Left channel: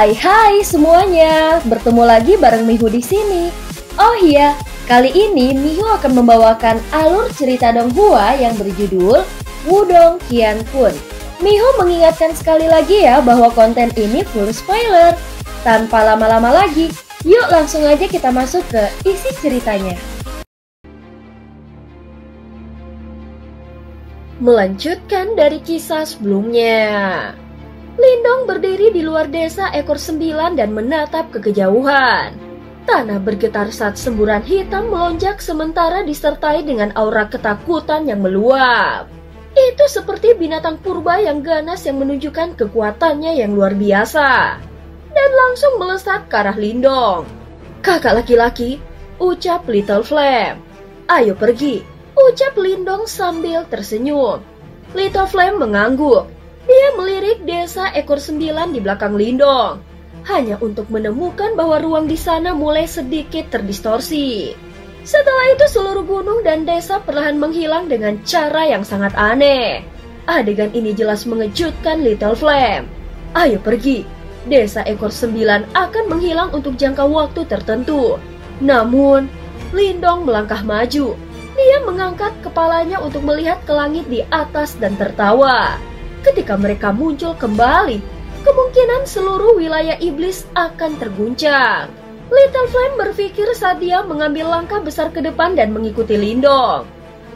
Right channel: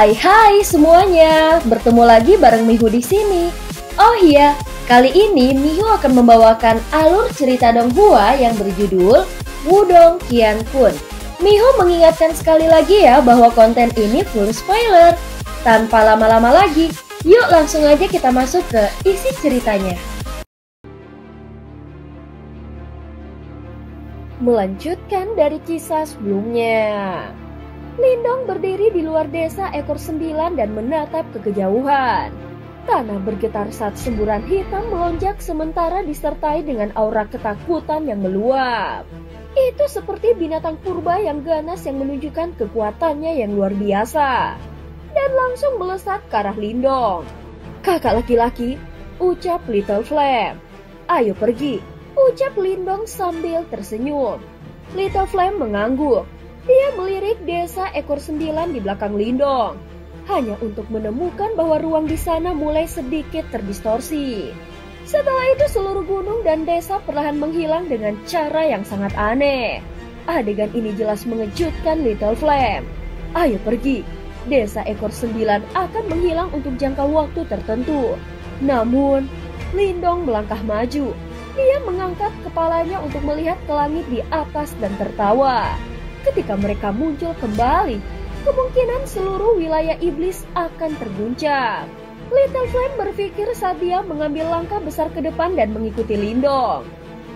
Hai semuanya, bertemu lagi bareng Mihu di sini. Oh iya, kali ini Mihu akan membawakan alur cerita Donghua yang berjudul Wudong Qiankun. Mihu mengingatkan sekali lagi ya bahwa konten ini full spoiler. Tanpa lama-lama lagi, yuk langsung aja kita masuk ke isi ceritanya. Melanjutkan dari kisah sebelumnya. Lindong berdiri di luar desa ekor 9 dan menatap ke kejauhan. Tanah bergetar saat semburan hitam melonjak sementara disertai dengan aura ketakutan yang meluap. Itu seperti binatang purba yang ganas yang menunjukkan kekuatannya yang luar biasa. Dan langsung melesat ke arah Lindong. "Kakak laki-laki," ucap Little Flame. "Ayo pergi," ucap Lindong sambil tersenyum. Little Flame mengangguk. Dia melirik desa ekor 9 di belakang Lindong, hanya untuk menemukan bahwa ruang di sana mulai sedikit terdistorsi. Setelah itu seluruh gunung dan desa perlahan menghilang dengan cara yang sangat aneh. Adegan ini jelas mengejutkan Little Flame. "Ayo pergi, desa ekor 9 akan menghilang untuk jangka waktu tertentu." Namun, Lindong melangkah maju. Dia mengangkat kepalanya untuk melihat ke langit di atas dan tertawa. Ketika mereka muncul kembali, kemungkinan seluruh wilayah iblis akan terguncang. Little Flame berpikir saat dia mengambil langkah besar ke depan dan mengikuti Lindong.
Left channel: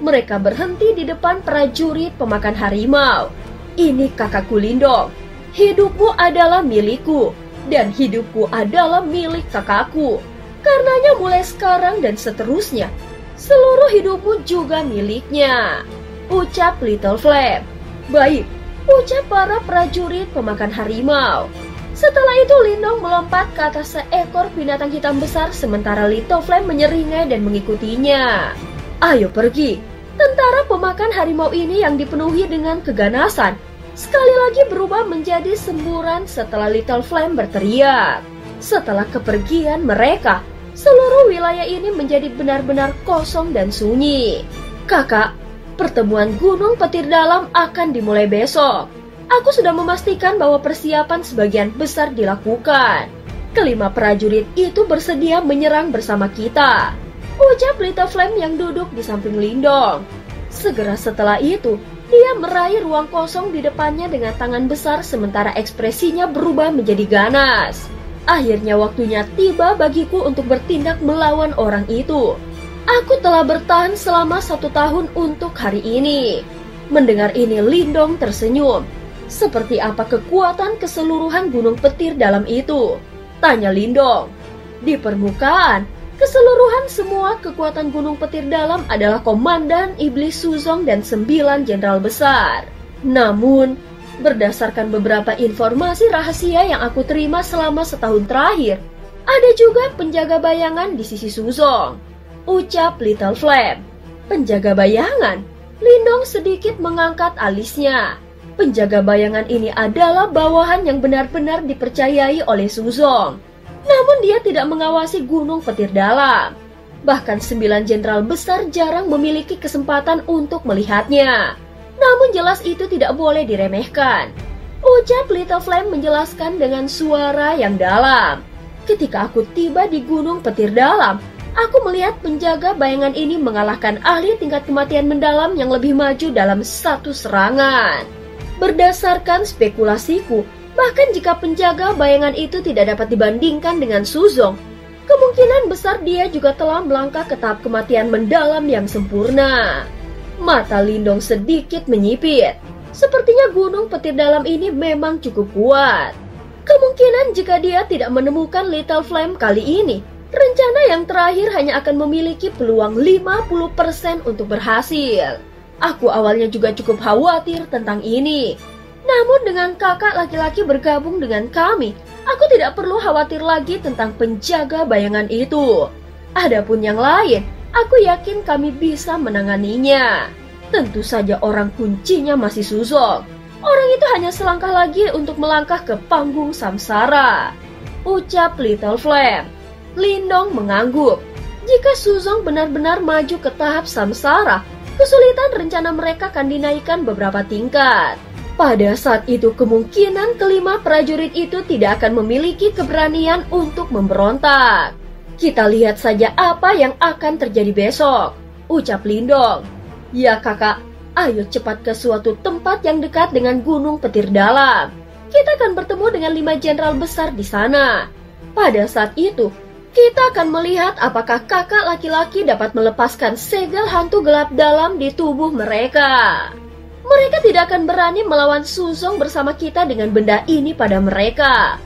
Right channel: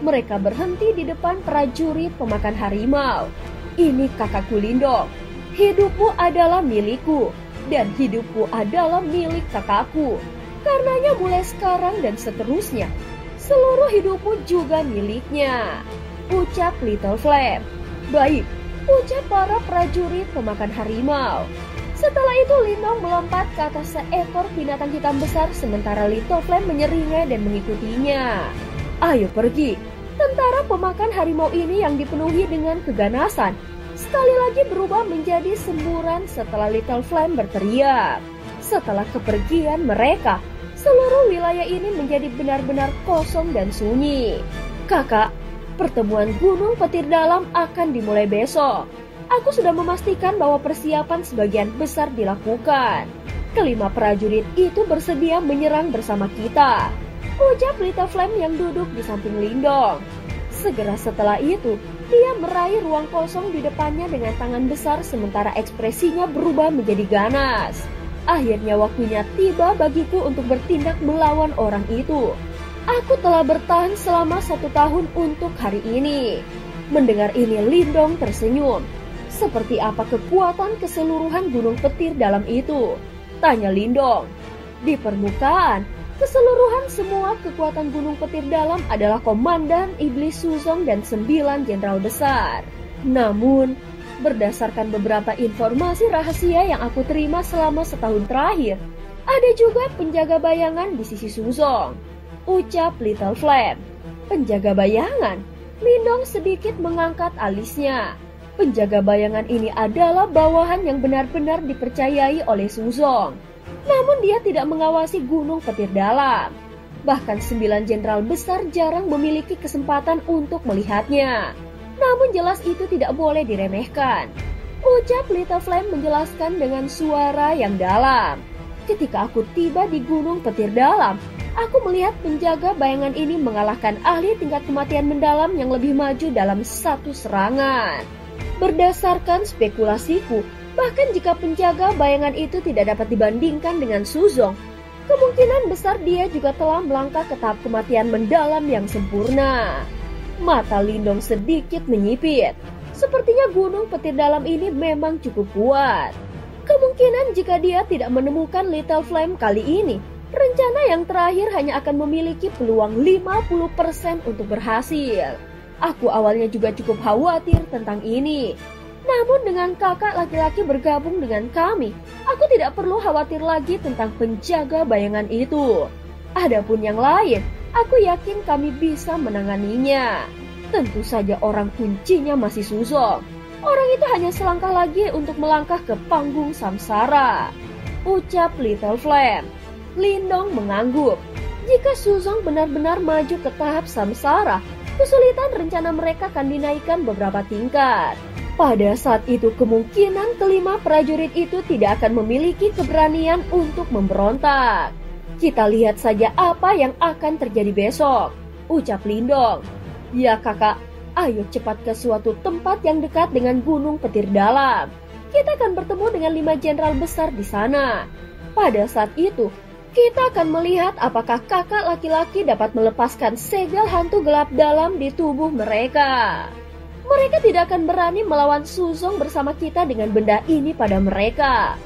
Mereka berhenti di depan prajurit pemakan harimau. "Ini kakakku Lindong. Hidupmu adalah milikku, dan hidupku adalah milik kakakku. Karenanya mulai sekarang dan seterusnya, seluruh hidupmu juga miliknya," ucap Little Flame. "Baik," ucap para prajurit pemakan harimau. Setelah itu Lindong melompat ke atas seekor binatang hitam besar sementara Little Flame menyeringai dan mengikutinya. "Ayo pergi." Tentara pemakan harimau ini yang dipenuhi dengan keganasan sekali lagi berubah menjadi semburan setelah Little Flame berteriak. Setelah kepergian mereka, seluruh wilayah ini menjadi benar-benar kosong dan sunyi. "Kakak, pertemuan Gunung Petir Dalam akan dimulai besok. Aku sudah memastikan bahwa persiapan sebagian besar dilakukan. Kelima prajurit itu bersedia menyerang bersama kita," ucap Little Flame yang duduk di samping Lindong. Segera setelah itu, dia meraih ruang kosong di depannya dengan tangan besar sementara ekspresinya berubah menjadi ganas. "Akhirnya waktunya tiba bagiku untuk bertindak melawan orang itu. Aku telah bertahan selama 1 tahun untuk hari ini." Mendengar ini Lindong tersenyum. "Seperti apa kekuatan keseluruhan Gunung Petir Dalam itu?" tanya Lindong. "Di permukaan, keseluruhan semua kekuatan Gunung Petir Dalam adalah Komandan Iblis Suzong dan 9 jenderal besar. Namun, berdasarkan beberapa informasi rahasia yang aku terima selama setahun terakhir, ada juga penjaga bayangan di sisi Suzong," ucap Little Flame. "Penjaga bayangan?" Lindong sedikit mengangkat alisnya. Penjaga bayangan ini adalah bawahan yang benar-benar dipercayai oleh Suzong. Namun dia tidak mengawasi Gunung Petir Dalam. Bahkan 9 jenderal besar jarang memiliki kesempatan untuk melihatnya. Namun jelas itu tidak boleh diremehkan, ucap Little Flame menjelaskan dengan suara yang dalam. "Ketika aku tiba di Gunung Petir Dalam, aku melihat penjaga bayangan ini mengalahkan ahli tingkat kematian mendalam yang lebih maju dalam satu serangan. Berdasarkan spekulasiku, bahkan jika penjaga bayangan itu tidak dapat dibandingkan dengan Suzong, kemungkinan besar dia juga telah melangkah ke tahap kematian mendalam yang sempurna." Mata Lindong sedikit menyipit. Sepertinya Gunung Petir Dalam ini memang cukup kuat. Kemungkinan jika dia tidak menemukan Little Flame kali ini, rencana yang terakhir hanya akan memiliki peluang 50% untuk berhasil. Aku awalnya juga cukup khawatir tentang ini. Namun dengan kakak laki-laki bergabung dengan kami, aku tidak perlu khawatir lagi tentang penjaga bayangan itu. Adapun yang lain, aku yakin kami bisa menanganinya. Tentu saja orang kuncinya masih Suzong. Orang itu hanya selangkah lagi untuk melangkah ke panggung samsara, ucap Little Flame. Lindong mengangguk. Jika Suzong benar-benar maju ke tahap samsara, kesulitan rencana mereka akan dinaikkan beberapa tingkat. Pada saat itu kemungkinan kelima prajurit itu tidak akan memiliki keberanian untuk memberontak. Kita lihat saja apa yang akan terjadi besok, ucap Lindong. Ya kakak, ayo cepat ke suatu tempat yang dekat dengan Gunung Petir Dalam. Kita akan bertemu dengan 5 jenderal besar di sana. Pada saat itu, kita akan melihat apakah kakak laki-laki dapat melepaskan segel hantu gelap dalam di tubuh mereka. Mereka tidak akan berani melawan Suzong bersama kita dengan benda ini pada mereka,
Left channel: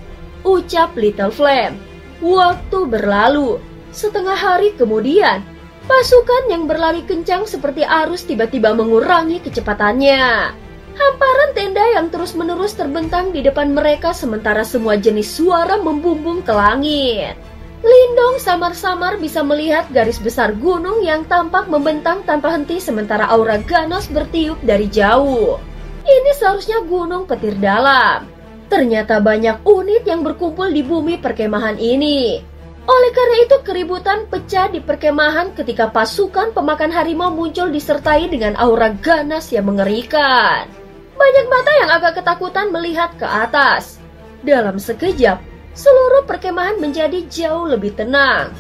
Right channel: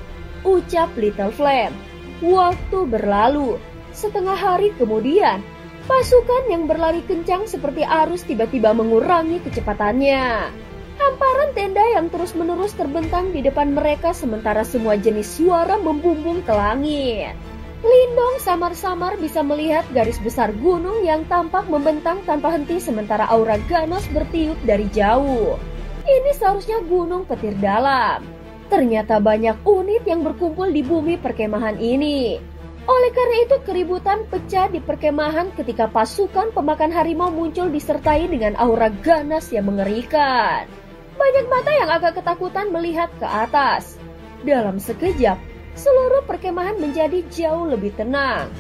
ucap Little Flame. Waktu berlalu, setengah hari kemudian, pasukan yang berlari kencang seperti arus tiba-tiba mengurangi kecepatannya. Hamparan tenda yang terus-menerus terbentang di depan mereka sementara semua jenis suara membumbung ke langit. Lindong samar-samar bisa melihat garis besar gunung yang tampak membentang tanpa henti sementara aura ganas bertiup dari jauh. Ini seharusnya Gunung Petir Dalam. Ternyata banyak unit yang berkumpul di bumi perkemahan ini. Oleh karena itu keributan pecah di perkemahan ketika pasukan pemakan harimau muncul disertai dengan aura ganas yang mengerikan. Banyak mata yang agak ketakutan melihat ke atas. Dalam sekejap, seluruh perkemahan menjadi jauh lebih tenang.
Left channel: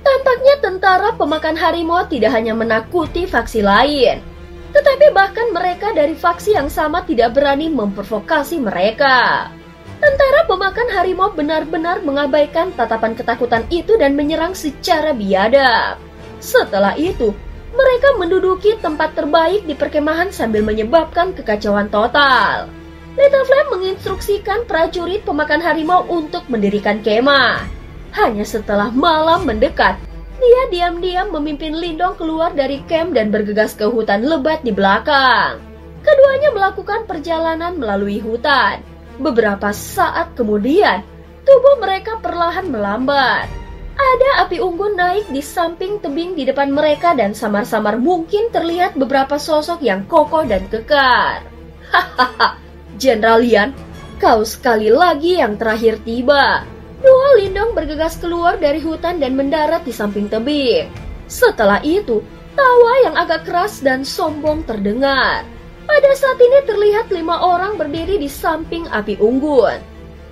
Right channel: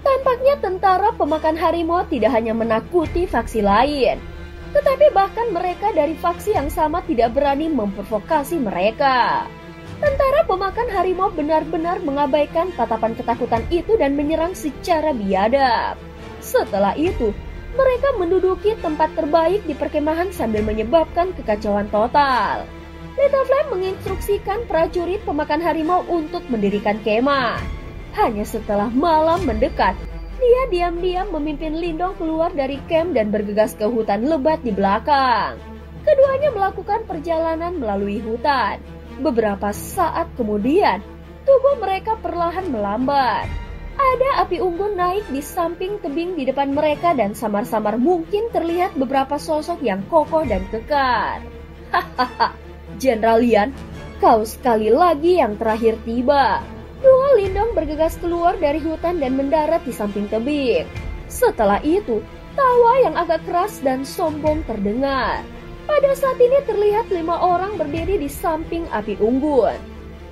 Tampaknya tentara pemakan harimau tidak hanya menakuti faksi lain, tetapi bahkan mereka dari faksi yang sama tidak berani memprovokasi mereka. Tentara pemakan harimau benar-benar mengabaikan tatapan ketakutan itu dan menyerang secara biadab. Setelah itu, mereka menduduki tempat terbaik di perkemahan sambil menyebabkan kekacauan total. Little Flame menginstruksikan prajurit pemakan harimau untuk mendirikan kemah. Hanya setelah malam mendekat, dia diam-diam memimpin Lindong keluar dari camp dan bergegas ke hutan lebat di belakang. Keduanya melakukan perjalanan melalui hutan. Beberapa saat kemudian, tubuh mereka perlahan melambat. Ada api unggun naik di samping tebing di depan mereka dan samar-samar mungkin terlihat beberapa sosok yang kokoh dan kekar. Hahaha, Jenderal Lian, kau sekali lagi yang terakhir tiba. Dua Lindong bergegas keluar dari hutan dan mendarat di samping tebing. Setelah itu, tawa yang agak keras dan sombong terdengar. Pada saat ini terlihat 5 orang berdiri di samping api unggun.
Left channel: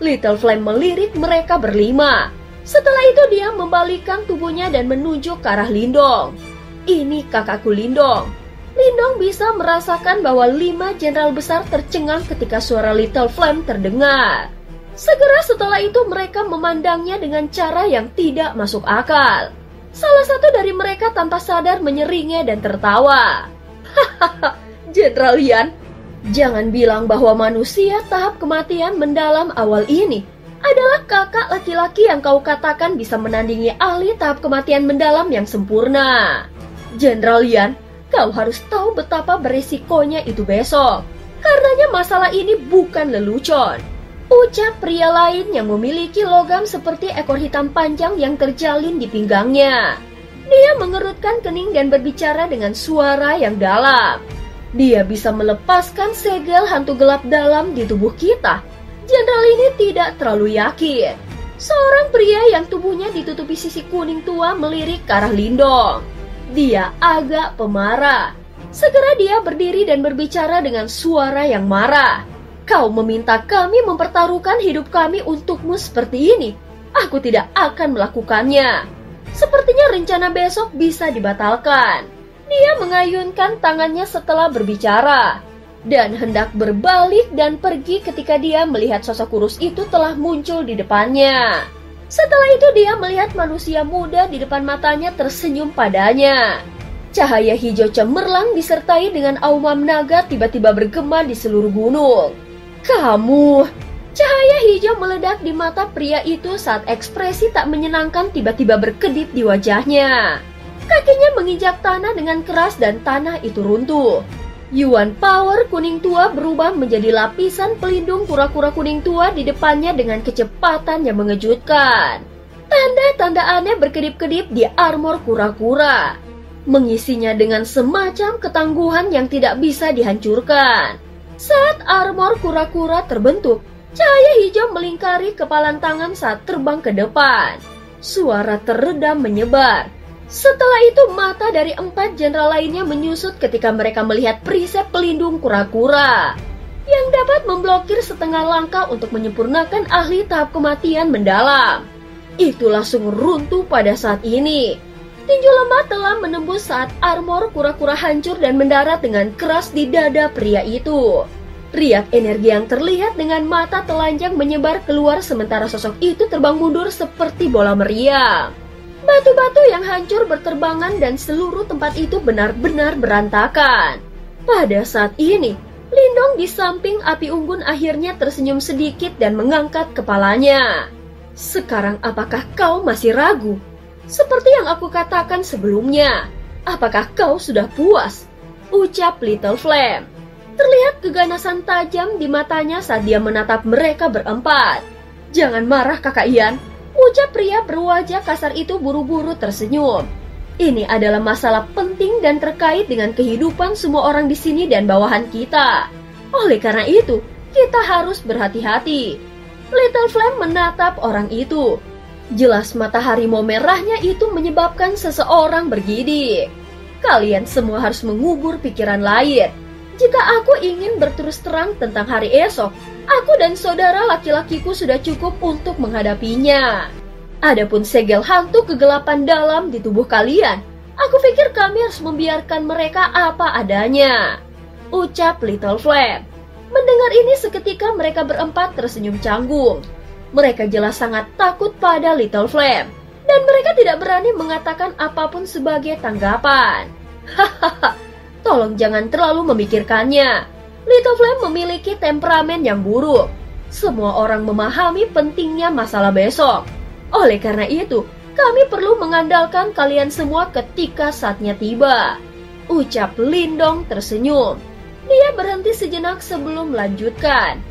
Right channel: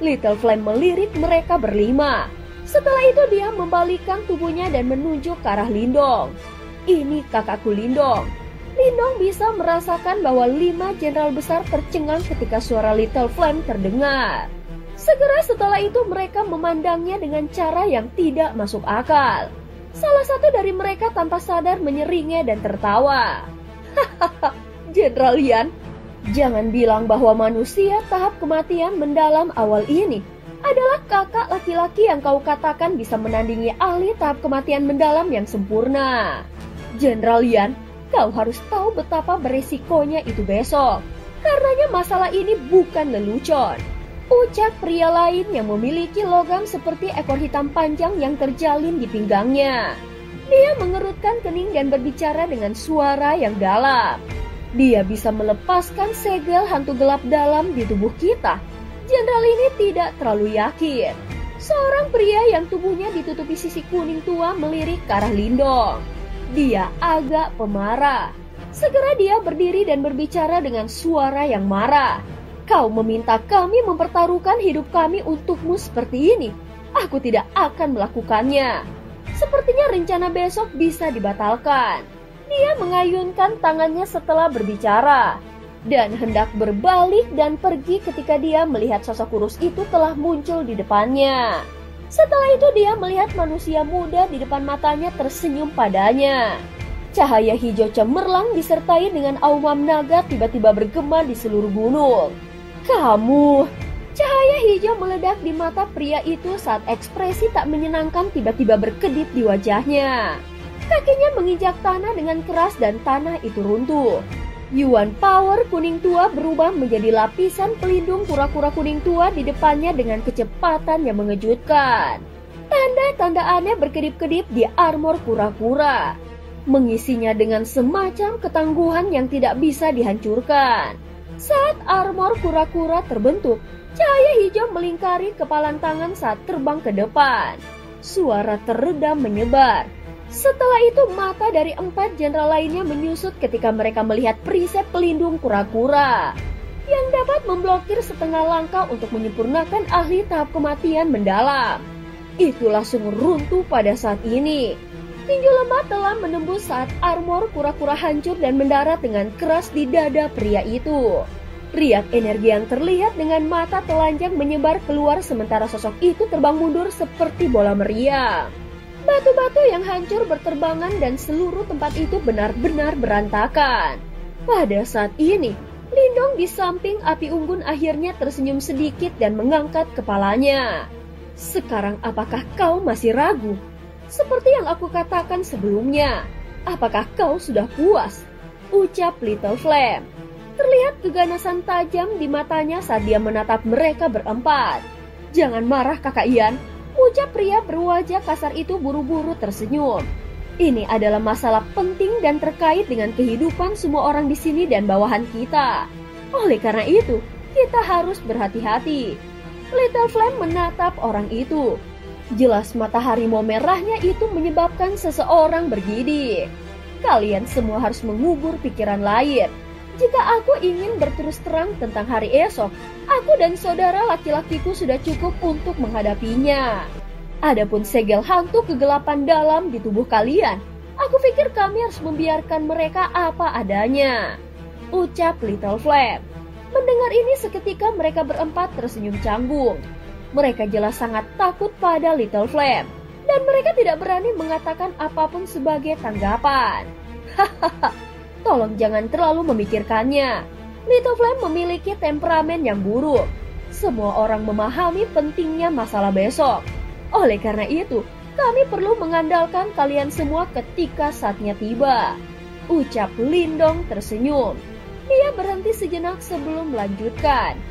Little Flame melirik mereka berlima. Setelah itu dia membalikkan tubuhnya dan menunjuk ke arah Lindong. Ini kakakku Lindong. Lindong bisa merasakan bahwa 5 jenderal besar tercengang ketika suara Little Flame terdengar. Segera setelah itu mereka memandangnya dengan cara yang tidak masuk akal. Salah satu dari mereka tanpa sadar menyeringnya dan tertawa. Hahaha, Jenderal Lian, jangan bilang bahwa manusia tahap kematian mendalam awal ini adalah kakak laki-laki yang kau katakan bisa menandingi ahli tahap kematian mendalam yang sempurna. Jenderal Lian, kau harus tahu betapa berisikonya itu besok. Karenanya masalah ini bukan lelucon, ucap pria lain yang memiliki logam seperti ekor hitam panjang yang terjalin di pinggangnya. Dia mengerutkan kening dan berbicara dengan suara yang dalam. Dia bisa melepaskan segel hantu gelap dalam di tubuh kita. Jenderal ini tidak terlalu yakin. Seorang pria yang tubuhnya ditutupi sisi kuning tua melirik ke arah Lindong. Dia agak pemarah. Segera dia berdiri dan berbicara dengan suara yang marah. Kau meminta kami mempertaruhkan hidup kami untukmu seperti ini. Aku tidak akan melakukannya. Sepertinya rencana besok bisa dibatalkan. Dia mengayunkan tangannya setelah berbicara dan hendak berbalik dan pergi ketika dia melihat sosok kurus itu telah muncul di depannya. Setelah itu dia melihat manusia muda di depan matanya tersenyum padanya. Cahaya hijau cemerlang disertai dengan aumam naga tiba-tiba bergema di seluruh gunung. Kamu! Cahaya hijau meledak di mata pria itu saat ekspresi tak menyenangkan tiba-tiba berkedip di wajahnya. Kakinya menginjak tanah dengan keras dan tanah itu runtuh. Yuan Power kuning tua berubah menjadi lapisan pelindung kura-kura kuning tua di depannya dengan kecepatan yang mengejutkan. Tanda-tanda aneh berkedip-kedip di armor kura-kura, mengisinya dengan semacam ketangguhan yang tidak bisa dihancurkan. Saat armor kura-kura terbentuk, cahaya hijau melingkari kepalan tangan saat terbang ke depan. Suara teredam menyebar. Setelah itu mata dari 4 jenderal lainnya menyusut ketika mereka melihat perisai pelindung kura-kura. yang dapat memblokir setengah langkah untuk menyempurnakan ahli tahap kematian mendalam. Itu langsung runtuh pada saat ini. Tinju lemah telah menembus saat armor kura-kura hancur dan mendarat dengan keras di dada pria itu. Riak energi yang terlihat dengan mata telanjang menyebar keluar sementara sosok itu terbang mundur seperti bola meriam. Batu-batu yang hancur berterbangan dan seluruh tempat itu benar-benar berantakan. Pada saat ini, Lindong di samping api unggun akhirnya tersenyum sedikit dan mengangkat kepalanya. Sekarang apakah kau masih ragu? Seperti yang aku katakan sebelumnya, apakah kau sudah puas? Ucap Little Flame. Terlihat keganasan tajam di matanya saat dia menatap mereka berempat. Jangan marah kakak Ian, ucap pria berwajah kasar itu buru-buru tersenyum. Ini adalah masalah penting dan terkait dengan kehidupan semua orang di sini dan bawahan kita. Oleh karena itu, kita harus berhati-hati. Little Flame menatap orang itu. Jelas mata harimau merahnya itu menyebabkan seseorang bergidik. Kalian semua harus mengubur pikiran lain. Jika aku ingin berterus terang tentang hari esok, aku dan saudara laki-lakiku sudah cukup untuk menghadapinya. Adapun segel hantu kegelapan dalam di tubuh kalian, aku pikir kami harus membiarkan mereka apa adanya. Ucap Little Flame. Mendengar ini seketika mereka berempat tersenyum canggung. Mereka jelas sangat takut pada Little Flame, dan mereka tidak berani mengatakan apapun sebagai tanggapan. Hahaha, tolong jangan terlalu memikirkannya. Little Flame memiliki temperamen yang buruk. Semua orang memahami pentingnya masalah besok. Oleh karena itu, kami perlu mengandalkan kalian semua ketika saatnya tiba. Ucap Lindong tersenyum. Dia berhenti sejenak sebelum melanjutkan.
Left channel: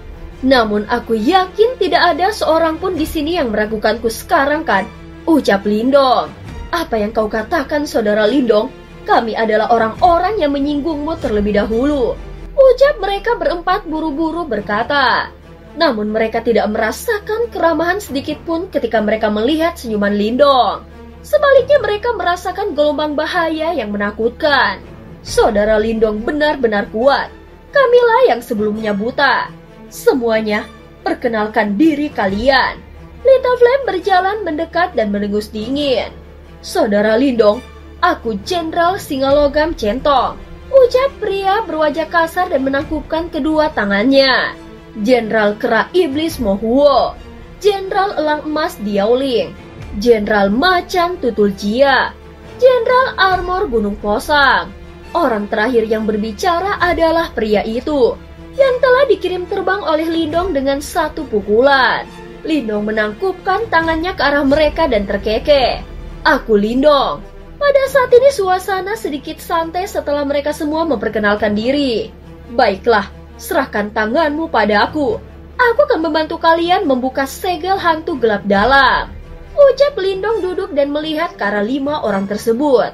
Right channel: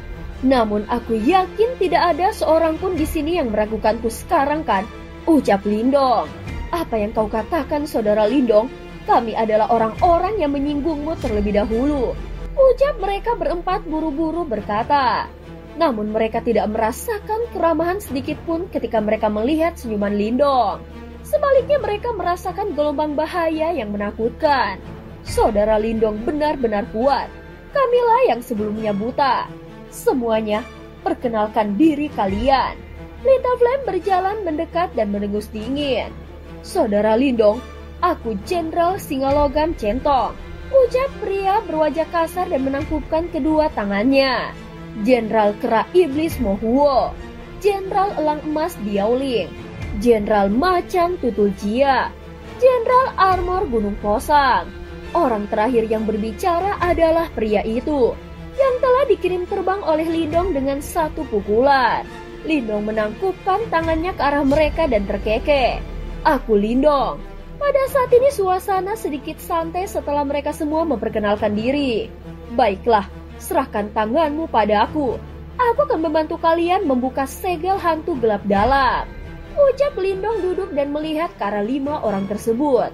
Namun aku yakin tidak ada seorang pun di sini yang meragukanku sekarang kan? Ucap Lindong. Apa yang kau katakan saudara Lindong? Kami adalah orang-orang yang menyinggungmu terlebih dahulu. Ucap mereka berempat buru-buru berkata. Namun mereka tidak merasakan keramahan sedikit pun ketika mereka melihat senyuman Lindong. Sebaliknya mereka merasakan gelombang bahaya yang menakutkan. Saudara Lindong benar-benar kuat. Kamilah yang sebelumnya buta. Semuanya, perkenalkan diri kalian. Little Flame berjalan mendekat dan mendengus dingin. Saudara Lindong, aku Jenderal Singalogam Centong. Ucap pria berwajah kasar dan menangkupkan kedua tangannya. Jenderal Kera Iblis Mohuo, Jenderal Elang Emas Diaoling, Jenderal Macan Tutul Jia, Jenderal Armor Gunung Posang. Orang terakhir yang berbicara adalah pria itu, yang telah dikirim terbang oleh Lindong dengan satu pukulan. Lindong menangkupkan tangannya ke arah mereka dan terkekeh. Aku Lindong. Pada saat ini suasana sedikit santai setelah mereka semua memperkenalkan diri. Baiklah, serahkan tanganmu padaku. Aku akan membantu kalian membuka segel hantu gelap dalam. Ucap Lindong duduk dan melihat ke arah 5 orang tersebut.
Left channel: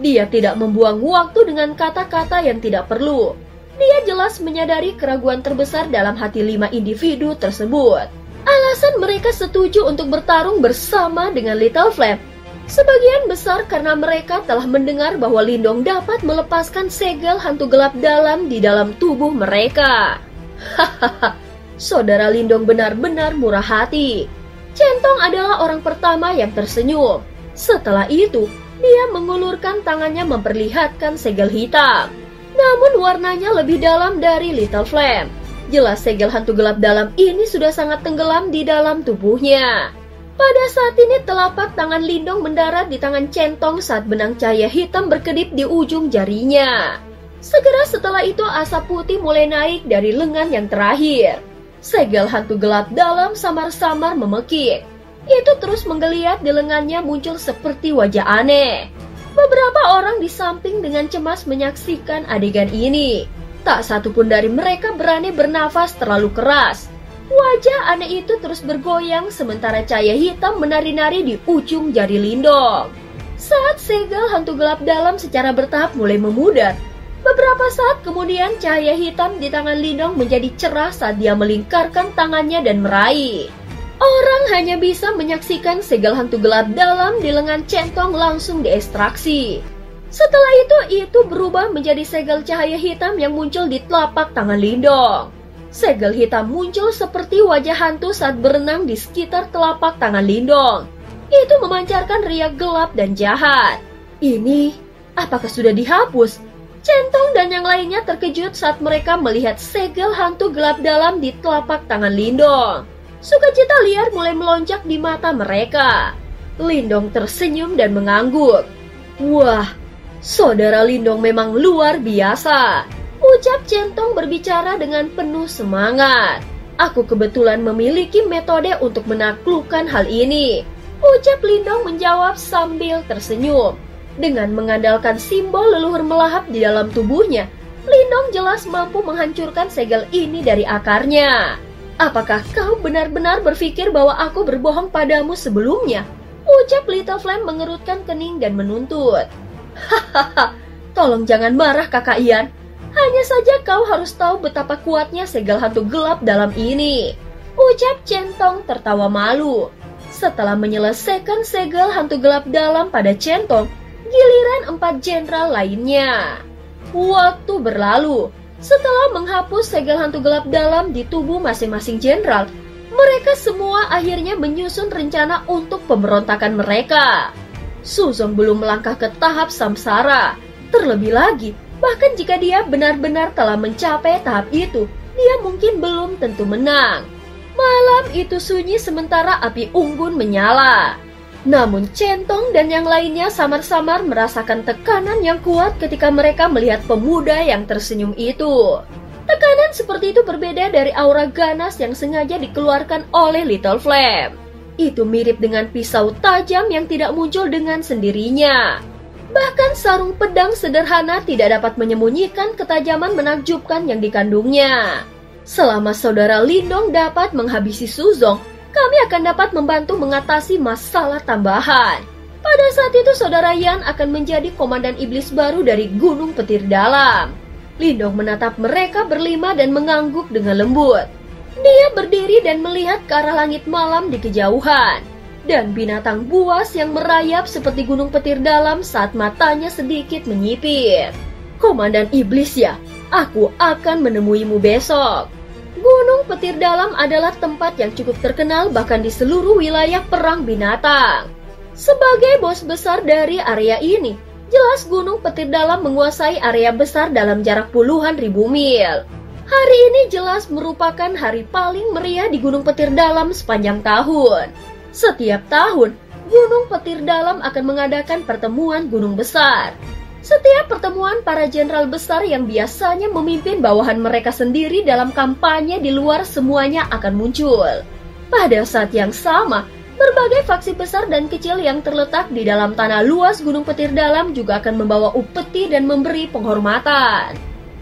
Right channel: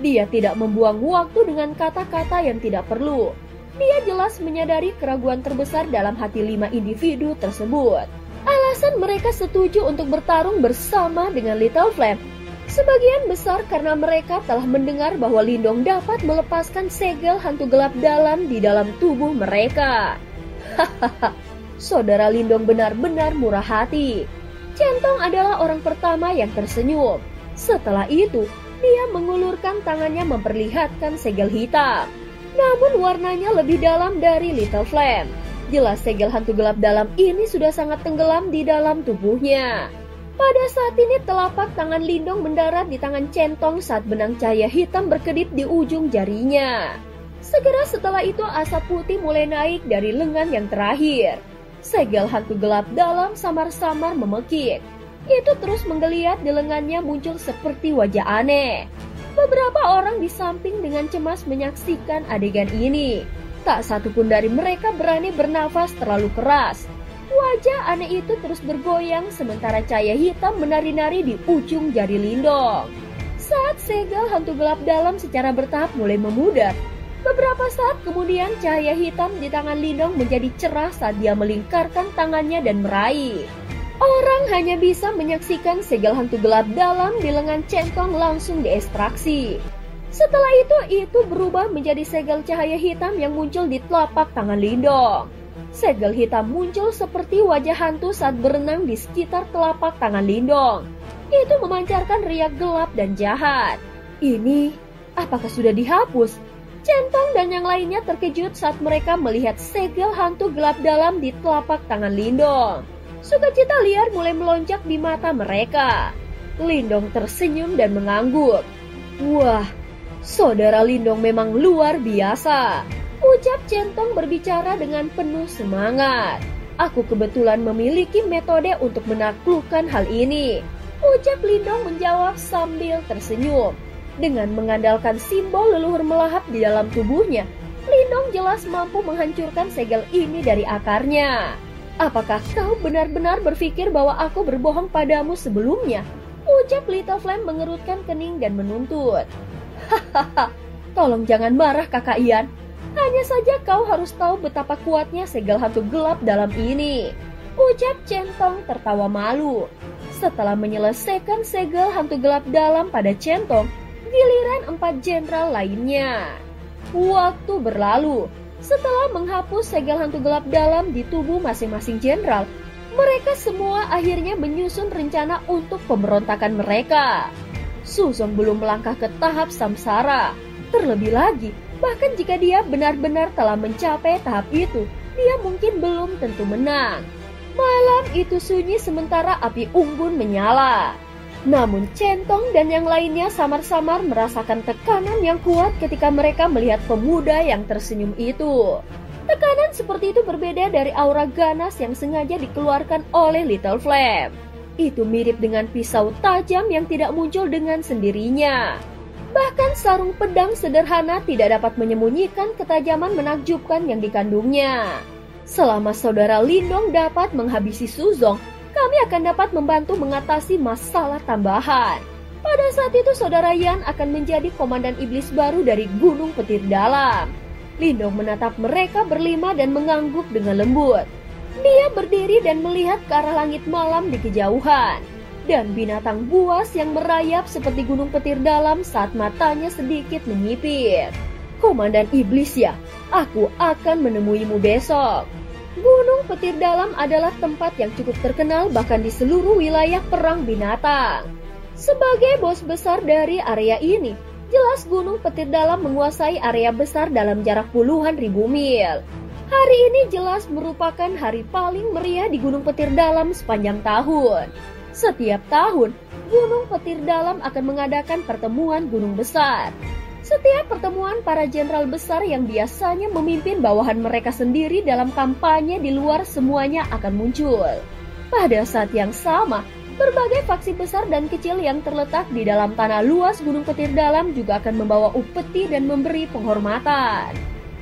Dia tidak membuang waktu dengan kata-kata yang tidak perlu. Dia jelas menyadari keraguan terbesar dalam hati 5 individu tersebut. Alasan mereka setuju untuk bertarung bersama dengan Little Flame sebagian besar karena mereka telah mendengar bahwa Lindong dapat melepaskan segel hantu gelap dalam di dalam tubuh mereka. Hahaha, saudara Lindong benar-benar murah hati. Centong adalah orang pertama yang tersenyum. Setelah itu, dia mengulurkan tangannya memperlihatkan segel hitam. Namun warnanya lebih dalam dari Little Flame. Jelas segel hantu gelap dalam ini sudah sangat tenggelam di dalam tubuhnya. Pada saat ini telapak tangan Lindong mendarat di tangan Centong saat benang cahaya hitam berkedip di ujung jarinya. Segera setelah itu asap putih mulai naik dari lengan yang terakhir. Segel hantu gelap dalam samar-samar memekik. Itu terus menggeliat di lengannya muncul seperti wajah aneh. Beberapa orang di samping dengan cemas menyaksikan adegan ini. Tak satu pun dari mereka berani bernafas terlalu keras. Wajah aneh itu terus bergoyang sementara cahaya hitam menari-nari di ujung jari Lindong. Saat segel hantu gelap dalam secara bertahap mulai memudar, beberapa saat kemudian cahaya hitam di tangan Lindong menjadi cerah saat dia melingkarkan tangannya dan meraih. Orang hanya bisa menyaksikan segel hantu gelap dalam di lengan Centong langsung diekstraksi. Setelah itu berubah menjadi segel cahaya hitam yang muncul di telapak tangan Lindong. Segel hitam muncul seperti wajah hantu saat berenang di sekitar telapak tangan Lindong. Itu memancarkan riak gelap dan jahat. Ini, apakah sudah dihapus? Centong dan yang lainnya terkejut saat mereka melihat segel hantu gelap dalam di telapak tangan Lindong. Sukacita liar mulai melonjak di mata mereka. Lindong tersenyum dan mengangguk. Wah, saudara Lindong memang luar biasa, ucap Centong berbicara dengan penuh semangat. Aku kebetulan memiliki metode untuk menaklukkan hal ini, ucap Lindong menjawab sambil tersenyum. Dengan mengandalkan simbol leluhur melahap di dalam tubuhnya, Lindong jelas mampu menghancurkan segel ini dari akarnya. Apakah kau benar-benar berpikir bahwa aku berbohong padamu sebelumnya? Ucap Little Flame mengerutkan kening dan menuntut. Hahaha, tolong jangan marah kakak Ian. Hanya saja kau harus tahu betapa kuatnya segel hantu gelap dalam ini, ucap Centong tertawa malu. Setelah menyelesaikan segel hantu gelap dalam pada Centong, giliran 4 jenderal lainnya. Waktu berlalu. Setelah menghapus segel hantu gelap dalam di tubuh masing-masing jenderal, mereka semua akhirnya menyusun rencana untuk pemberontakan mereka. Suzong belum melangkah ke tahap samsara. Terlebih lagi, bahkan jika dia benar-benar telah mencapai tahap itu, dia mungkin belum tentu menang. Malam itu sunyi sementara api unggun menyala. Namun Centong dan yang lainnya samar-samar merasakan tekanan yang kuat ketika mereka melihat pemuda yang tersenyum itu. Tekanan seperti itu berbeda dari aura ganas yang sengaja dikeluarkan oleh Little Flame. Itu mirip dengan pisau tajam yang tidak muncul dengan sendirinya. Bahkan sarung pedang sederhana tidak dapat menyembunyikan ketajaman menakjubkan yang dikandungnya. Selama saudara Lindong dapat menghabisi Suzong, kami akan dapat membantu mengatasi masalah tambahan. Pada saat itu saudara Yan akan menjadi komandan iblis baru dari Gunung Petir Dalam. Lindong menatap mereka berlima dan mengangguk dengan lembut. Dia berdiri dan melihat ke arah langit malam di kejauhan. Dan binatang buas yang merayap seperti Gunung Petir Dalam saat matanya sedikit menyipit. Komandan iblis ya, aku akan menemuimu besok. Gunung Petir Dalam adalah tempat yang cukup terkenal bahkan di seluruh wilayah perang binatang. Sebagai bos besar dari area ini, jelas Gunung Petir Dalam menguasai area besar dalam jarak puluhan ribu mil. Hari ini jelas merupakan hari paling meriah di Gunung Petir Dalam sepanjang tahun. Setiap tahun, Gunung Petir Dalam akan mengadakan pertemuan gunung besar. Setiap pertemuan para jenderal besar yang biasanya memimpin bawahan mereka sendiri dalam kampanye di luar semuanya akan muncul. Pada saat yang sama, berbagai faksi besar dan kecil yang terletak di dalam tanah luas Gunung Petir Dalam juga akan membawa upeti dan memberi penghormatan.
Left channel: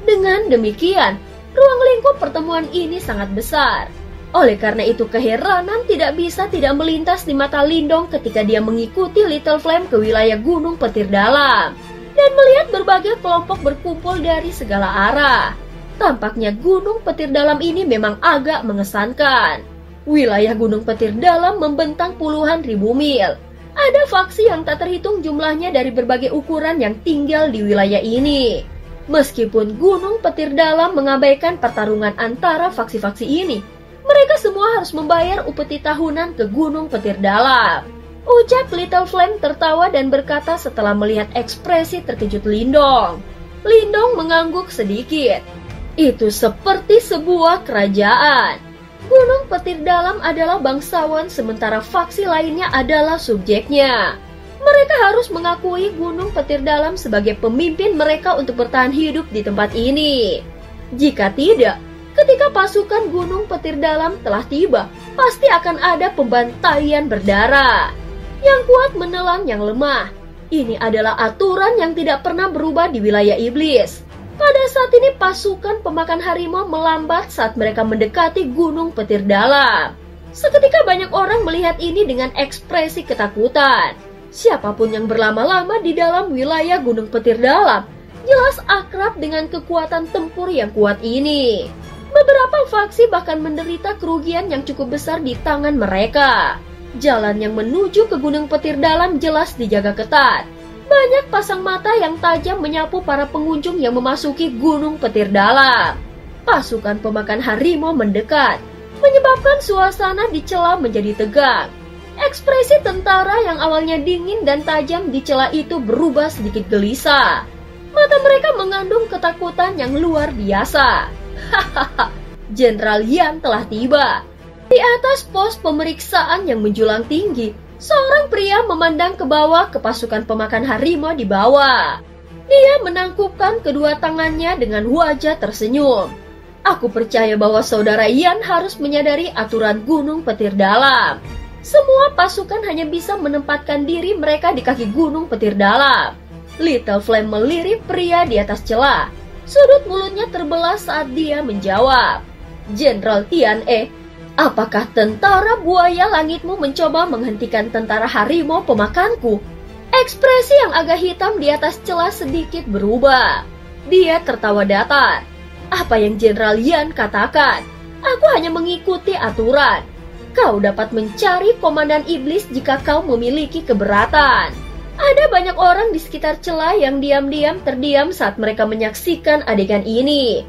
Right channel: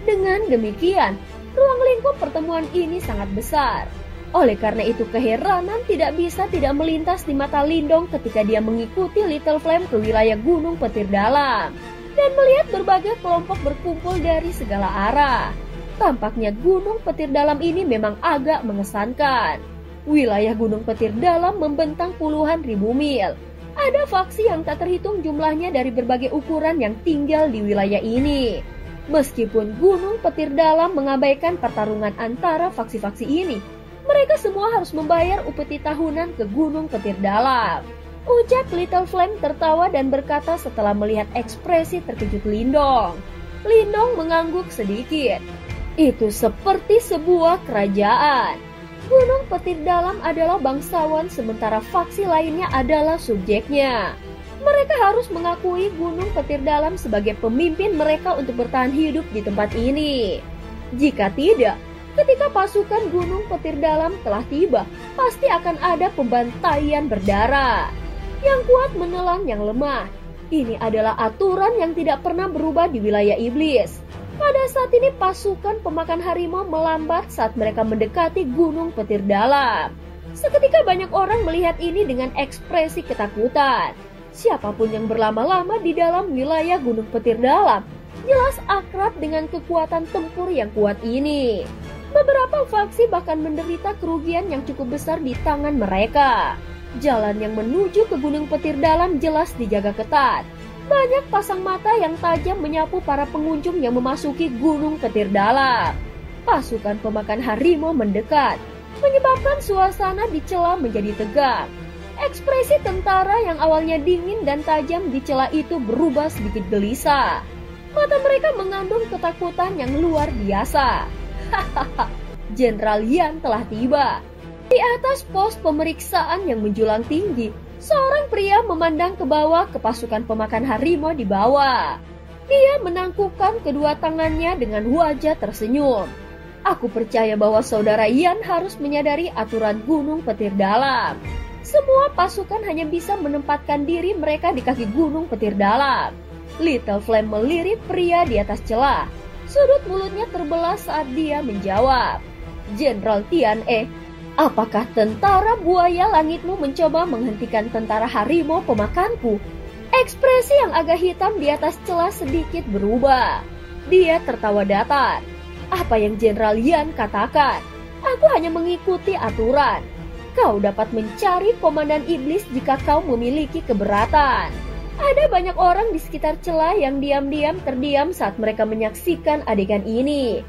Dengan demikian, ruang lingkup pertemuan ini sangat besar. Oleh karena itu keheranan tidak bisa tidak melintas di mata Lindong ketika dia mengikuti Little Flame ke wilayah Gunung Petir Dalam dan melihat berbagai kelompok berkumpul dari segala arah. Tampaknya Gunung Petir Dalam ini memang agak mengesankan. Wilayah Gunung Petir Dalam membentang puluhan ribu mil. Ada faksi yang tak terhitung jumlahnya dari berbagai ukuran yang tinggal di wilayah ini. Meskipun Gunung Petir Dalam mengabaikan pertarungan antara faksi-faksi ini, mereka semua harus membayar upeti tahunan ke Gunung Petir Dalam. Ucap Little Flame tertawa dan berkata setelah melihat ekspresi terkejut Lindong. Lindong mengangguk sedikit. Itu seperti sebuah kerajaan. Gunung Petir Dalam adalah bangsawan sementara faksi lainnya adalah subjeknya. Mereka harus mengakui Gunung Petir Dalam sebagai pemimpin mereka untuk bertahan hidup di tempat ini. Jika tidak, ketika pasukan Gunung Petir Dalam telah tiba, pasti akan ada pembantaian berdarah. Yang kuat menelan yang lemah. Ini adalah aturan yang tidak pernah berubah di wilayah iblis. Pada saat ini pasukan pemakan harimau melambat saat mereka mendekati Gunung Petir Dalam. Seketika banyak orang melihat ini dengan ekspresi ketakutan. Siapapun yang berlama-lama di dalam wilayah Gunung Petir Dalam jelas akrab dengan kekuatan tempur yang kuat ini. Beberapa faksi bahkan menderita kerugian yang cukup besar di tangan mereka. Jalan yang menuju ke Gunung Petir Dalam jelas dijaga ketat. Banyak pasang mata yang tajam menyapu para pengunjung yang memasuki Gunung Petir Dalam. Pasukan pemakan harimau mendekat, menyebabkan suasana di celah menjadi tegang. Ekspresi tentara yang awalnya dingin dan tajam di celah itu berubah sedikit gelisah. Mata mereka mengandung ketakutan yang luar biasa. Hahaha, Jenderal Yan telah tiba. Di atas pos pemeriksaan yang menjulang tinggi, seorang pria memandang ke bawah ke pasukan pemakan harimau di bawah. Dia menangkupkan kedua tangannya dengan wajah tersenyum. Aku percaya bahwa saudara Yan harus menyadari aturan Gunung Petir Dalam. Semua pasukan hanya bisa menempatkan diri mereka di kaki Gunung Petir Dalam. Little Flame melirik pria di atas celah. Sudut mulutnya terbelah saat dia menjawab. Jenderal Tian E, apakah tentara buaya langitmu mencoba menghentikan tentara harimau pemakanku? Ekspresi yang agak hitam di atas celah sedikit berubah. Dia tertawa datar. Apa yang Jenderal Yan katakan? Aku hanya mengikuti aturan. Kau dapat mencari komandan iblis jika kau memiliki keberatan. Ada banyak orang di sekitar celah yang diam-diam terdiam saat mereka menyaksikan adegan ini.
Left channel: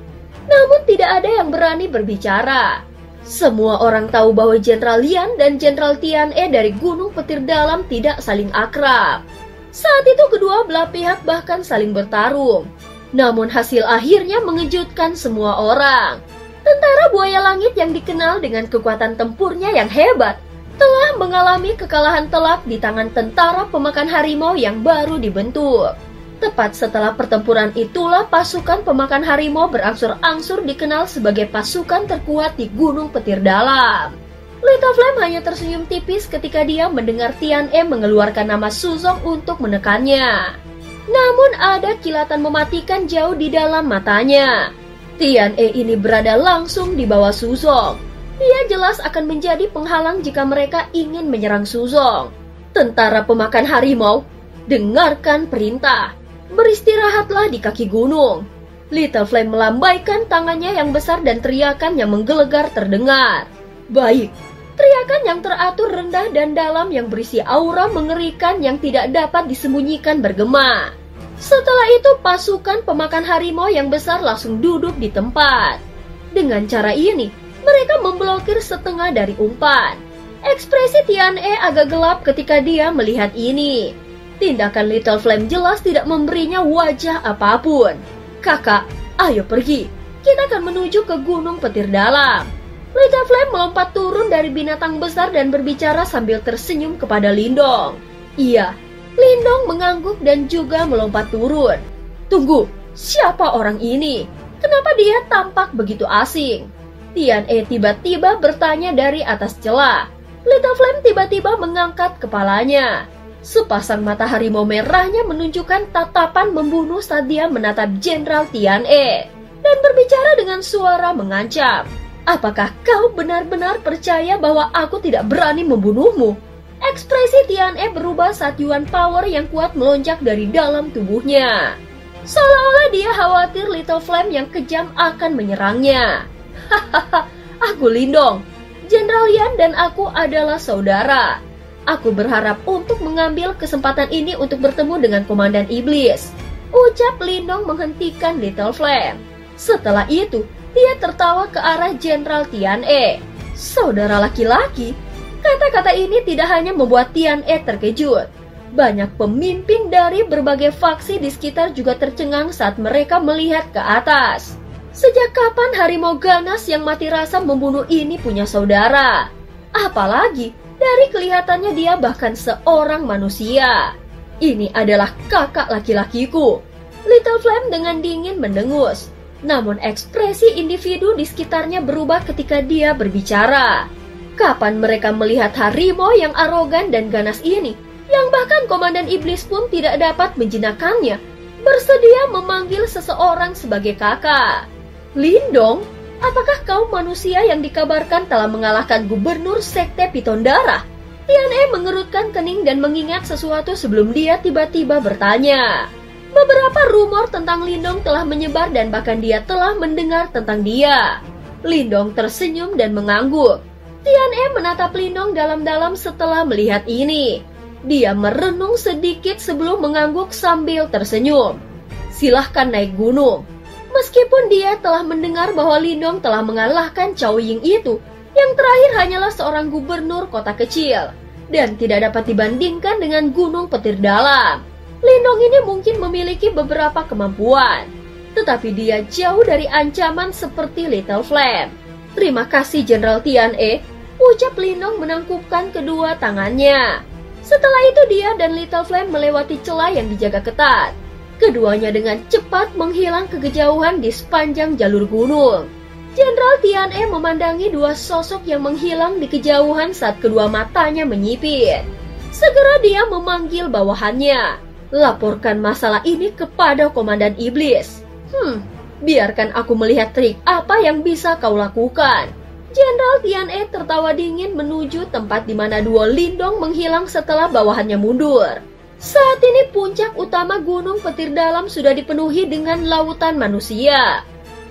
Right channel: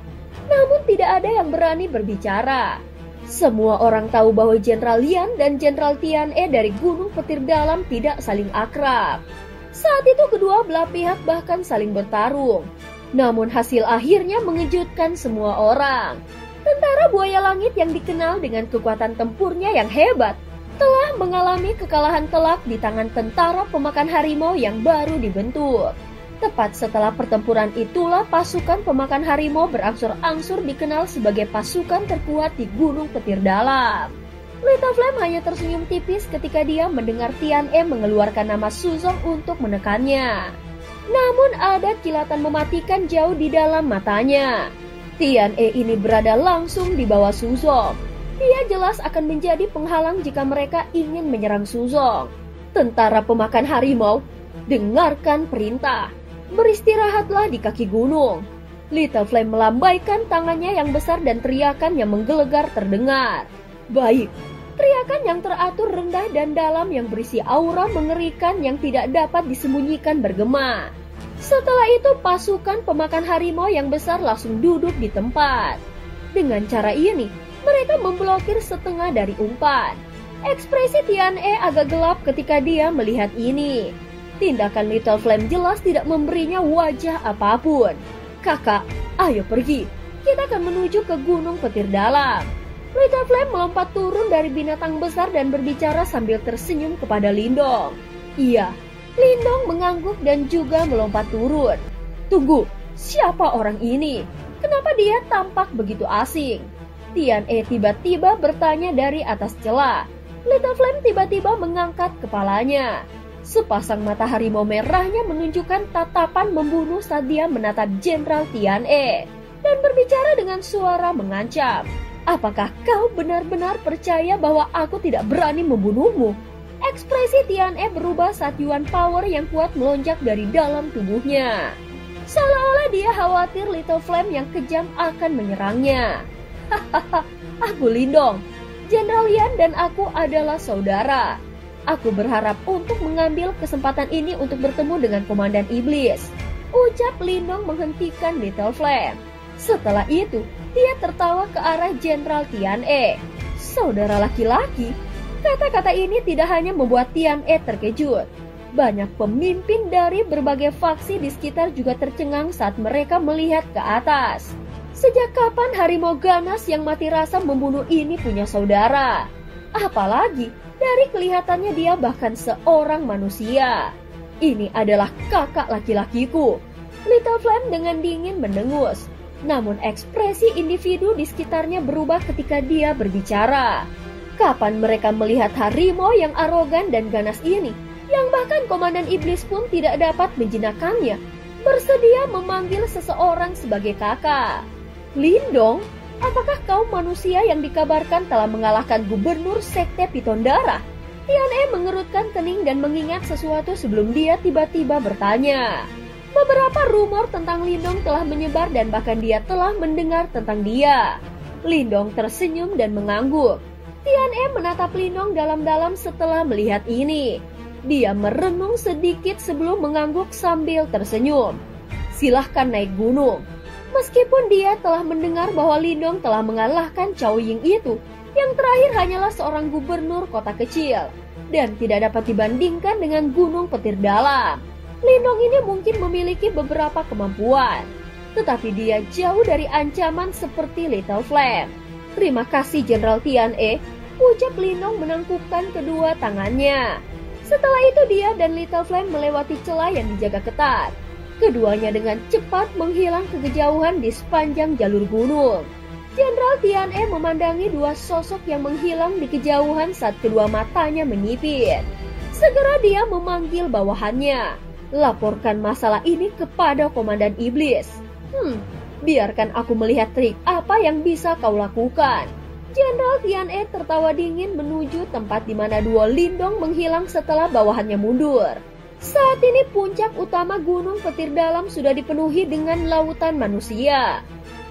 Namun tidak ada yang berani berbicara. Semua orang tahu bahwa Jenderal Yan dan Jenderal Tian E dari Gunung Petir Dalam tidak saling akrab. Saat itu kedua belah pihak bahkan saling bertarung. Namun hasil akhirnya mengejutkan semua orang. Tentara buaya langit yang dikenal dengan kekuatan tempurnya yang hebat telah mengalami kekalahan telak di tangan tentara pemakan harimau yang baru dibentuk. Tepat setelah pertempuran itulah pasukan pemakan harimau berangsur-angsur dikenal sebagai pasukan terkuat di Gunung Petir Dalam. Little Flame hanya tersenyum tipis ketika dia mendengar Tian E mengeluarkan nama Suzong untuk menekannya. Namun ada kilatan mematikan jauh di dalam matanya. Tian E ini berada langsung di bawah Suzong. Dia jelas akan menjadi penghalang jika mereka ingin menyerang Suzong. Tentara pemakan harimau, dengarkan perintah. Beristirahatlah di kaki gunung. Little Flame melambaikan tangannya yang besar dan teriakan yang menggelegar terdengar. Baik, teriakan yang teratur rendah dan dalam yang berisi aura mengerikan yang tidak dapat disembunyikan bergema. Setelah itu pasukan pemakan harimau yang besar langsung duduk di tempat. Dengan cara ini, mereka memblokir setengah dari umpan. Ekspresi Tian E agak gelap ketika dia melihat ini. Tindakan Little Flame jelas tidak memberinya wajah apapun. Kakak, ayo pergi. Kita akan menuju ke Gunung Petir Dalam. Little Flame melompat turun dari binatang besar dan berbicara sambil tersenyum kepada Lindong. Iya, Lindong mengangguk dan juga melompat turun. Tunggu, siapa orang ini? Kenapa dia tampak begitu asing? Tian E tiba-tiba bertanya dari atas celah. Little Flame tiba-tiba mengangkat kepalanya. Sepasang mata harimau merahnya menunjukkan tatapan membunuh saat dia menatap Jenderal Tian E dan berbicara dengan suara mengancam. Apakah kau benar-benar percaya bahwa aku tidak berani membunuhmu? Ekspresi Tian E berubah saat Yuan Power yang kuat melonjak dari dalam tubuhnya. Seolah-olah dia khawatir Little Flame yang kejam akan menyerangnya. Hahaha, aku Lindong. Jenderal Yan dan aku adalah saudara. Aku berharap untuk mengambil kesempatan ini untuk bertemu dengan Komandan Iblis. Ucap Lindong menghentikan Little Flame. Setelah itu, dia tertawa ke arah Jenderal Tian E. Saudara laki-laki? Kata-kata ini tidak hanya membuat Tian E terkejut. Banyak pemimpin dari berbagai faksi di sekitar juga tercengang saat mereka melihat ke atas. Sejak kapan harimau ganas yang mati rasa membunuh ini punya saudara? Apalagi dari kelihatannya dia bahkan seorang manusia. Ini adalah kakak laki-lakiku. Little Flame dengan dingin mendengus. Namun ekspresi individu di sekitarnya berubah ketika dia berbicara. Kapan mereka melihat harimau yang arogan dan ganas ini, yang bahkan Komandan Iblis pun tidak dapat menjinakkannya, bersedia memanggil seseorang sebagai kakak. Lindong, apakah kau manusia yang dikabarkan telah mengalahkan gubernur sekte Piton Darah? Tian E mengerutkan kening dan mengingat sesuatu sebelum dia tiba-tiba bertanya. Beberapa rumor tentang Lindong telah menyebar dan bahkan dia telah mendengar tentang dia. Lindong tersenyum dan mengangguk. Tian E menatap Lindong dalam-dalam setelah melihat ini. Dia merenung sedikit sebelum mengangguk sambil tersenyum. Silahkan naik gunung. Meskipun dia telah mendengar bahwa Lindong telah mengalahkan Cao Ying itu, yang terakhir hanyalah seorang gubernur kota kecil dan tidak dapat dibandingkan dengan Gunung Petir Dalam. Lindong ini mungkin memiliki beberapa kemampuan, tetapi dia jauh dari ancaman seperti Little Flame. Terima kasih Jenderal Tian E, ucap Lindong menangkupkan kedua tangannya. Setelah itu dia dan Little Flame melewati celah yang dijaga ketat. Keduanya dengan cepat menghilang ke kejauhan di sepanjang jalur gunung. Jenderal Tian E memandangi dua sosok yang menghilang di kejauhan saat kedua matanya menyipit. Segera dia memanggil bawahannya. Laporkan masalah ini kepada Komandan Iblis. Biarkan aku melihat trik apa yang bisa kau lakukan. Jenderal Tian E tertawa dingin menuju tempat di mana duo Lindong menghilang setelah bawahannya mundur. Saat ini puncak utama Gunung Petir Dalam sudah dipenuhi dengan lautan manusia.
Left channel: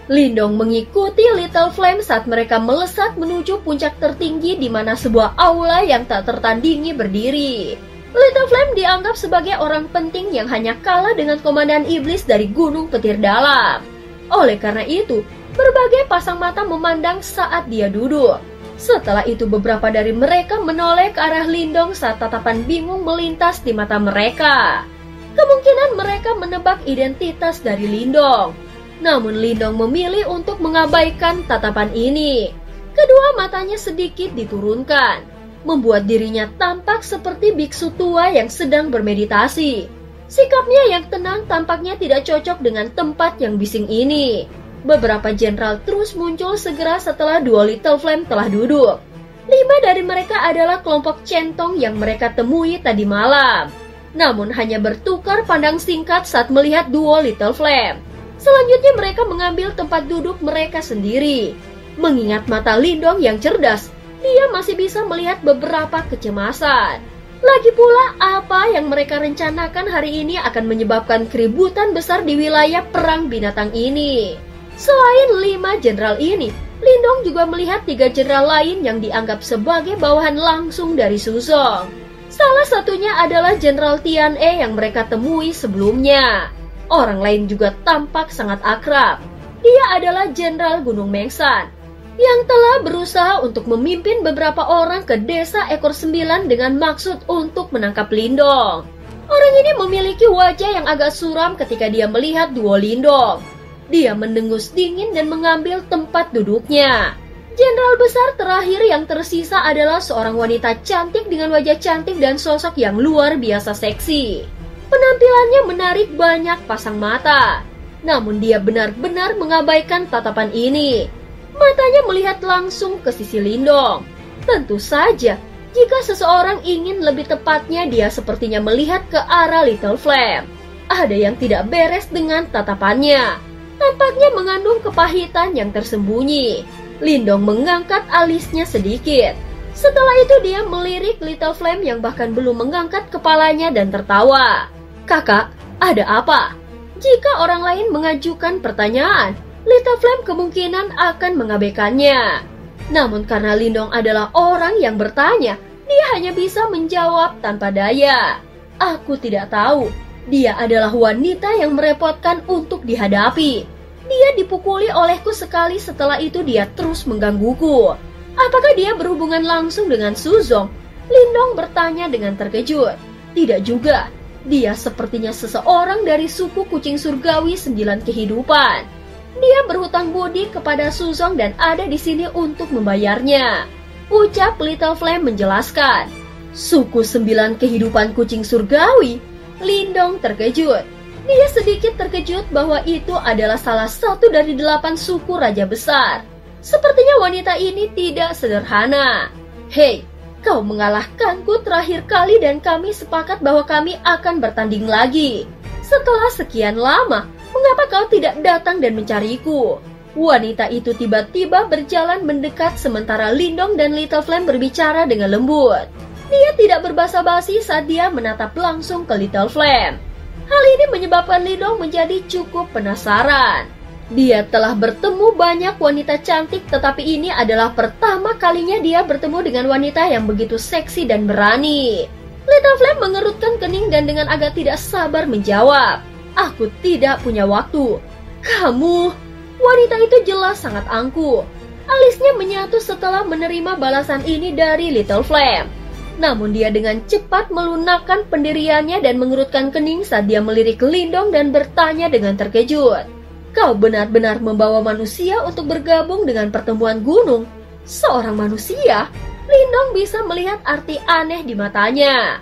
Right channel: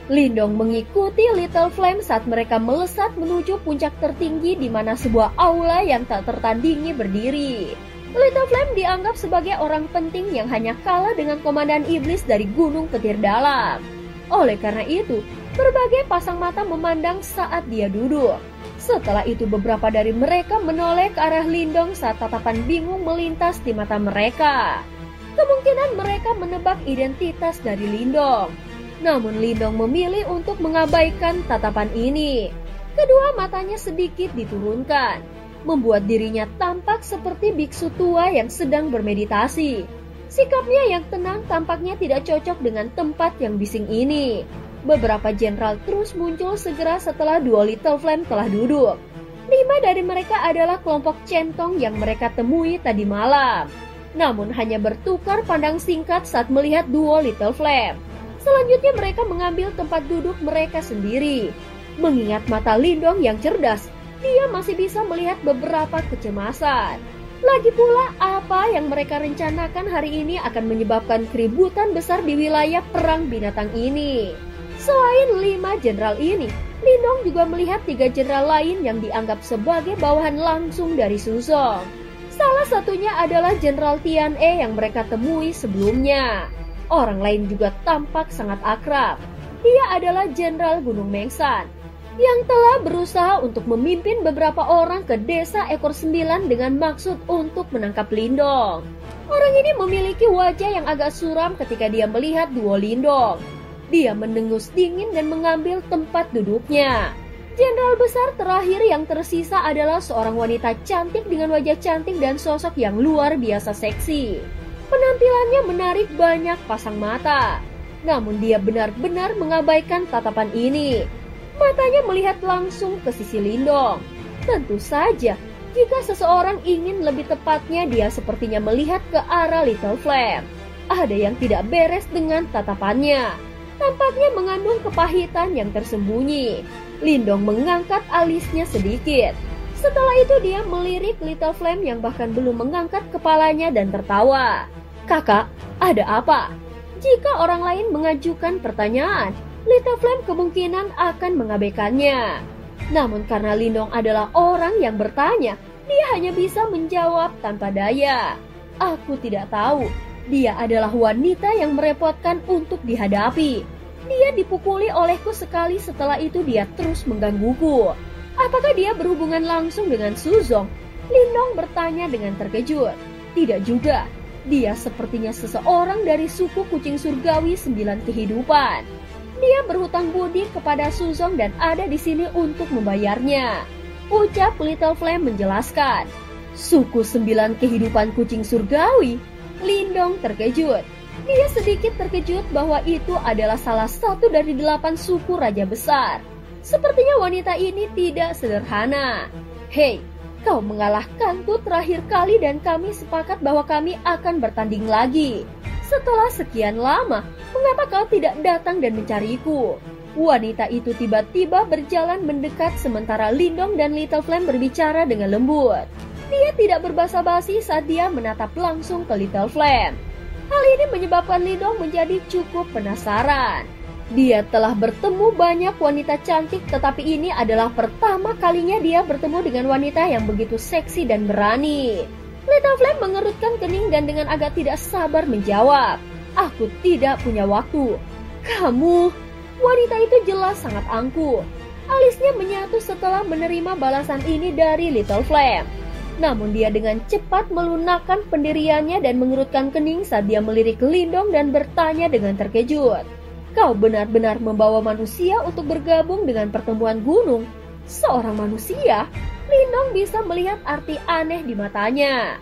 Lindong mengikuti Little Flame saat mereka melesat menuju puncak tertinggi di mana sebuah aula yang tak tertandingi berdiri. Little Flame dianggap sebagai orang penting yang hanya kalah dengan Komandan Iblis dari Gunung Petir Dalam. Oleh karena itu, berbagai pasang mata memandang saat dia duduk. Setelah itu beberapa dari mereka menoleh ke arah Lindong saat tatapan bingung melintas di mata mereka. Kemungkinan mereka menebak identitas dari Lindong. Namun Lindong memilih untuk mengabaikan tatapan ini. Kedua matanya sedikit diturunkan, membuat dirinya tampak seperti biksu tua yang sedang bermeditasi. Sikapnya yang tenang tampaknya tidak cocok dengan tempat yang bising ini. Beberapa jenderal terus muncul segera setelah dua Little Flame telah duduk. 5 dari mereka adalah kelompok centong yang mereka temui tadi malam. Namun hanya bertukar pandang singkat saat melihat duo Little Flame. Selanjutnya mereka mengambil tempat duduk mereka sendiri. Mengingat mata Lindong yang cerdas, dia masih bisa melihat beberapa kecemasan. Lagi pula apa yang mereka rencanakan hari ini akan menyebabkan keributan besar di wilayah perang binatang ini. Selain 5 jenderal ini, Lindong juga melihat 3 jenderal lain yang dianggap sebagai bawahan langsung dari Suzong. Salah satunya adalah Jenderal Tian E yang mereka temui sebelumnya. Orang lain juga tampak sangat akrab. Dia adalah Jenderal Gunung Mengsan, yang telah berusaha untuk memimpin beberapa orang ke desa Ekor 9 dengan maksud untuk menangkap Lindong. Orang ini memiliki wajah yang agak suram ketika dia melihat duo Lindong. Dia mendengus dingin dan mengambil tempat duduknya. Jenderal besar terakhir yang tersisa adalah seorang wanita cantik dengan wajah cantik dan sosok yang luar biasa seksi. Penampilannya menarik banyak pasang mata. Namun dia benar-benar mengabaikan tatapan ini. Matanya melihat langsung ke sisi Lindong. Tentu saja, jika seseorang ingin lebih tepatnya dia sepertinya melihat ke arah Little Flame. Ada yang tidak beres dengan tatapannya. Tampaknya mengandung kepahitan yang tersembunyi. Lindong mengangkat alisnya sedikit. Setelah itu dia melirik Little Flame yang bahkan belum mengangkat kepalanya dan tertawa. Kakak, ada apa? Jika orang lain mengajukan pertanyaan, Little Flame kemungkinan akan mengabaikannya. Namun karena Lindong adalah orang yang bertanya, dia hanya bisa menjawab tanpa daya. Aku tidak tahu. Dia adalah wanita yang merepotkan untuk dihadapi. Dia dipukuli olehku sekali, setelah itu dia terus menggangguku. Apakah dia berhubungan langsung dengan Suzong? Lindong bertanya dengan terkejut. Tidak juga. Dia sepertinya seseorang dari suku kucing surgawi 9 kehidupan. Dia berhutang budi kepada Suzong dan ada di sini untuk membayarnya. Ucap Little Flame menjelaskan. Suku 9 kehidupan kucing surgawi? Lindong terkejut. Dia sedikit terkejut bahwa itu adalah salah satu dari 8 suku raja besar. Sepertinya wanita ini tidak sederhana. Hei, kau mengalahkanku terakhir kali dan kami sepakat bahwa kami akan bertanding lagi. Setelah sekian lama, mengapa kau tidak datang dan mencariku? Wanita itu tiba-tiba berjalan mendekat sementara Lindong dan Little Flame berbicara dengan lembut. Dia tidak berbasa-basi saat dia menatap langsung ke Little Flame. Hal ini menyebabkan Lindong menjadi cukup penasaran. Dia telah bertemu banyak wanita cantik, tetapi ini adalah pertama kalinya dia bertemu dengan wanita yang begitu seksi dan berani. Little Flame mengerutkan kening dan dengan agak tidak sabar menjawab, "Aku tidak punya waktu. Kamu? Wanita itu jelas sangat angkuh. Alisnya menyatu setelah menerima balasan ini dari Little Flame. Namun dia dengan cepat melunakkan pendiriannya dan mengerutkan kening saat dia melirik Lindong dan bertanya dengan terkejut. Kau benar-benar membawa manusia untuk bergabung dengan pertemuan gunung? Seorang manusia? Lindong bisa melihat arti aneh di matanya.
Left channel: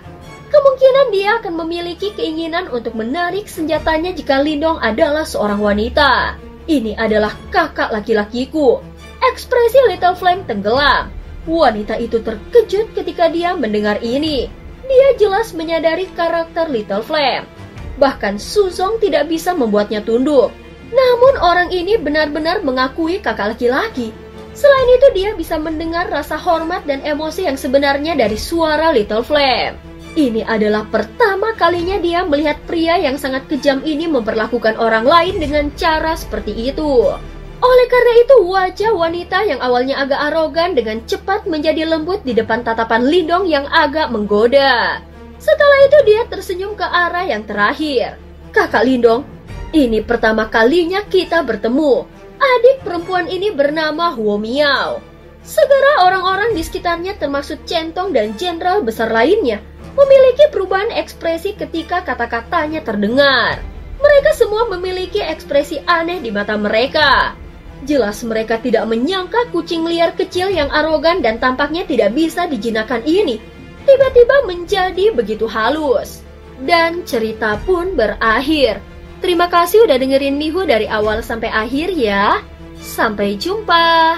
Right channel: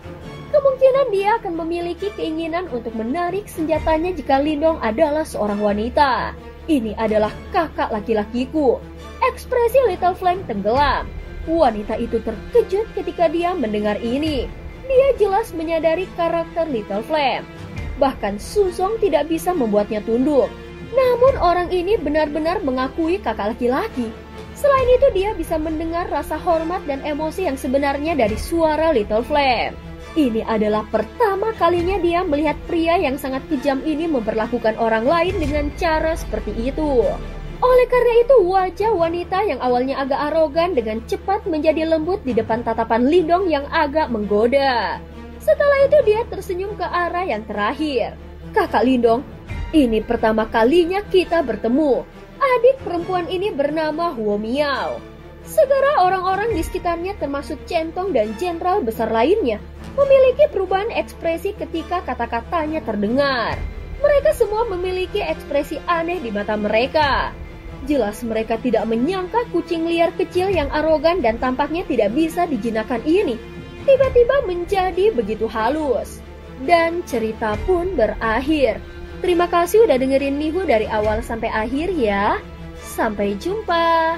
Kemungkinan dia akan memiliki keinginan untuk menarik senjatanya jika Lindong adalah seorang wanita. Ini adalah kakak laki-lakiku. Ekspresi Little Flame tenggelam. Wanita itu terkejut ketika dia mendengar ini. Dia jelas menyadari karakter Little Flame. Bahkan Suzong tidak bisa membuatnya tunduk. Namun orang ini benar-benar mengakui kakak laki-laki. Selain itu dia bisa mendengar rasa hormat dan emosi yang sebenarnya dari suara Little Flame. Ini adalah pertama kalinya dia melihat pria yang sangat kejam ini memperlakukan orang lain dengan cara seperti itu. Oleh karena itu wajah wanita yang awalnya agak arogan dengan cepat menjadi lembut di depan tatapan Lindong yang agak menggoda. Setelah itu dia tersenyum ke arah yang terakhir. Kakak Lindong, ini pertama kalinya kita bertemu. Adik perempuan ini bernama Huo Miao. Segera orang-orang di sekitarnya termasuk Centong dan jenderal besar lainnya memiliki perubahan ekspresi ketika kata-katanya terdengar. Mereka semua memiliki ekspresi aneh di mata mereka. Jelas mereka tidak menyangka kucing liar kecil yang arogan dan tampaknya tidak bisa dijinakkan ini tiba-tiba menjadi begitu halus. Dan cerita pun berakhir. Terima kasih udah dengerin Mihu dari awal sampai akhir ya. Sampai jumpa.